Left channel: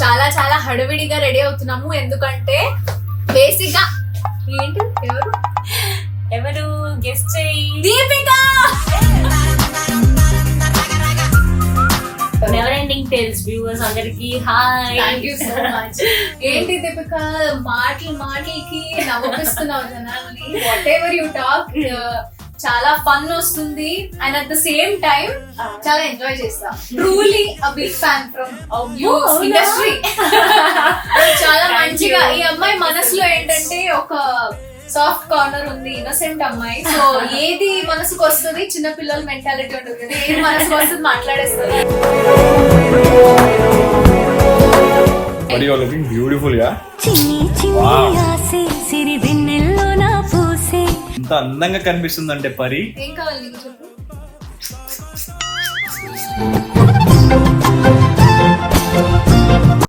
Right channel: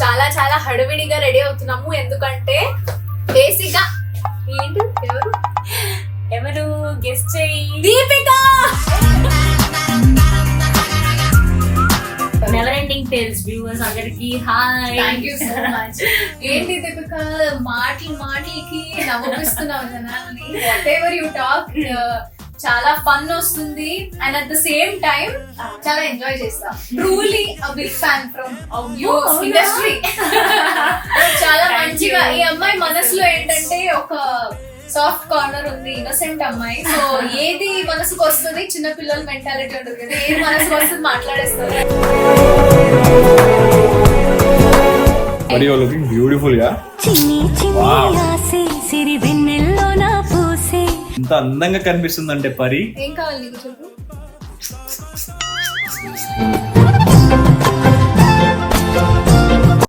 చాలా చాలా హడావిడిగా రెడీ అవుతున్నాము. ఎందుకంటే బేసిక్ గా ఏంటి ఎవరు గెస్ట్ చేయి. Deepika. Never ending tales viewers అందరికి hi. Thank you so much. ఏంటి దీపిక మాటలకి నవ్విస్తున్నావు జనాల్ని. వాట్ ఎవర్ యూ టాక్ చాలా ఫన్ వస్తుంది and at the same time చాలా ఎంజాయ్ చేస్తా. Truly a big fan from you industry. చాలా మంచిగా ఈ అమ్మాయి మనసులో ఏంటంటే ఒక సాఫ్ట్ కార్నర్ ఉంది, ఇన్నోసెంట్ అమ్మాయి. సో ఏది మనసుకు వస్తుంది, చిన్న పిల్లల మెంటాలిటీ ఉంటుంది కదా, ఏది మనసుకు వస్తుంది మాట్లాడేస్తుంది. But you are looking beautiful, yeah? ఇంత అందంగా కనిపిస్తుందంటే పరి. ఏం కావాలి నీకు చెప్పు.